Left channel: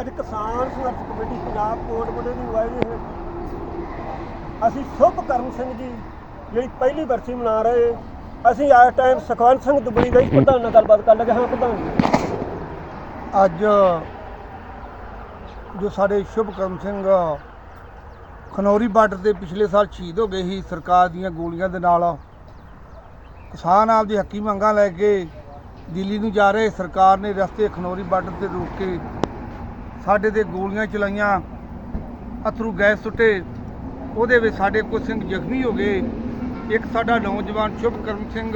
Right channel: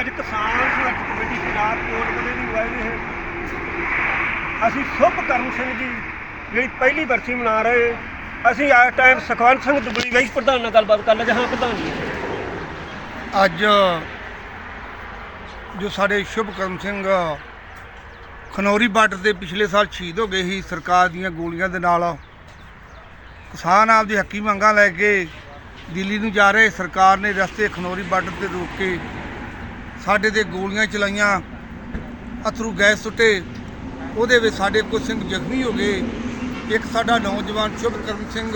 ਅੱਜ ਕਿਸਾਨ ਸੰਘਰਸ਼ ਕਮੇਟੀ ਪੰਜਾਬ ਕੋਟ ਦੀ ਅਗਵਾਈ ਹੇਠ ਅਸੀਂ ਸ਼ੁਭ ਕਰਮ ਸਿੰਘ ਜੀ, ਜਿਹੜੀ ਪਹਿਲੀ ਬਰਸੀ ਮਨਾ ਰਹੇ। ਅਸੀਂ ਇਸ ਟਾਈਮ ਸੁਖਵੰਤ ਸਿੰਘ ਦੁਬਲੀ ਗਈ। ਪ੍ਰਧਾਨ ਨਾਲ ਗੱਲਬਾਤ ਕਰ ਲਗੇ ਹਾਂ, ਪ੍ਰਧਾਨ ਜੀ। ਅੱਜ ਜੋ ਸਾਡੇ ਸ਼ੁਭਕਰਮ ਸਿੰਘ ਖਨੌਰੀ ਬਾਰਡਰ ਤੇ ਪਿਛਲੇ ਸਾਲ ਸ਼ਹੀਦ ਹੋ ਗਏ ਸੀ, ਸਰਕਾਰ ਦੀਆਂ ਗੋਲੀਆਂ ਦੇ ਨਾਲ ਕਿਸਾਨ ਆਪਦੀ ਹੱਕੀ ਮੰਗਾਂ ਲੈ ਕੇ ਦਿੱਲੀ ਨੂੰ ਜਾ ਰਹੇ ਸਰਕਾਰ ਨੇ ਰਸਤੇ ਖਨੌਰੀ ਬਾਰਡਰ ਤੇ ਰੋਕ ਕੇ ਸਾਡੇ ਤੇ ਗੋਲੀਆਂ ਚਲਾਈਆਂ, ਅਥਰੂ ਗੈਸ ਸੁੱਟੇ। ਉਹਦੇ ਵਿੱਚ ਸਾਡੇ ਕੁਝ ਸਿੰਘ ਜ਼ਖਮੀ ਹੋ ਗਏ। ਇੱਕ ਸਾਡਾ ਨੌਜਵਾਨ ਸ਼ੁਭਕਰਨ ਸਿੰਘ,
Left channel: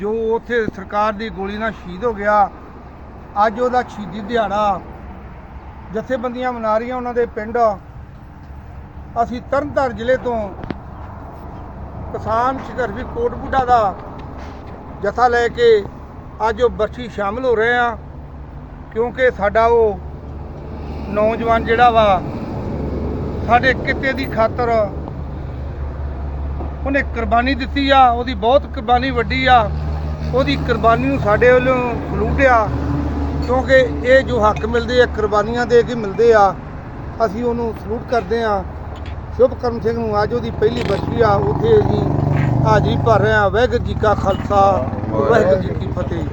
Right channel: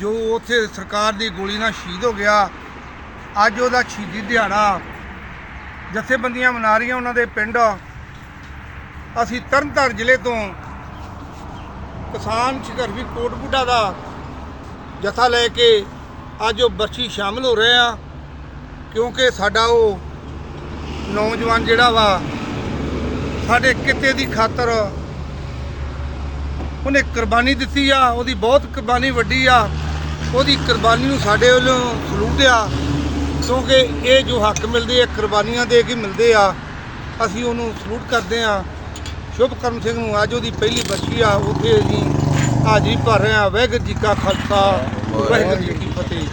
ਜੋ ਉੱਥੇ ਸਰਕਾਰ ਦੀ ਗੋਲੀ ਨਾਲ ਸ਼ਹੀਦ ਹੋ ਗਿਆ। ਅੱਜ ਉਹਦਾ ਸ਼ਹੀਦੀ ਦਿਹਾੜਾ। ਜਥੇਬੰਦੀਆਂ ਮਨਾ ਰਹੀਆਂ ਉਹਨਾਂ ਦੇ ਪਿੰਡ। ਅਸੀਂ ਤਰਨਤਾਰਨ ਜ਼ਿਲ੍ਹੇ ਤੋਂ ਕਿਸਾਨ ਸੰਘਰਸ਼ੀ ਕੋਟਬੁੱਢਾ ਦਾ ਜਥਾ ਲੈ ਕੇ ਅੱਜ ਉਹ ਬਰਸੀ ਸ਼ਾਮਲ ਹੋ ਰਹੇ ਆ, ਕਿਉਂਕਿ ਸਾਡਾ ਉਹ ਨੌਜਵਾਨ ਜਿਹੜਾ ਵਾ, ਸਾਡੇ ਕਿਤੇ ਦੀ ਖਾਤਰ ਉਹਨੇ ਕੁਰਬਾਨੀ ਦਿੱਤੀ ਆ, ਉਹਦੀ ਬਹੁਤ ਕੁਰਬਾਨੀ ਵੱਡੀ ਆ, ਉਹਦੀ ਕੁਰਬਾਨੀ ਨੂੰ ਸਾਡੇ ਵੱਲੋਂ ਸਲੂਟ ਆ, ਕਿਉਂਕਿ ਇਹ ਜੋ ਹੱਕ ਮਿਲਦੇ ਆ, ਕੁਰਬਾਨੀਆਂ ਦੇ ਕੇ ਮਿਲਦੇ ਆ, ਅਸੀਂ ਉਹਨੂੰ ਸਲੂਟ ਕਰਦੇ ਆ। ਸ਼ੁਭਕਰਮ ਸਿੰਘ ਨੂੰ ਅੱਜ ਉਹਦੀ ਪਹਿਲੀ ਬੱਚੀ ਆ, ਉੱਥੇ ਅਸੀਂ ਹਾਜ਼ਰੀ ਭਰ ਰਹੇ ਆ, ਵਾਹਿਗੁਰੂ ਜੀ ਕਾ ਖਾਲਸਾ। ਵਾਹਿਗੁਰੂ ਜੀ ਕੀ ਫਤਿਹ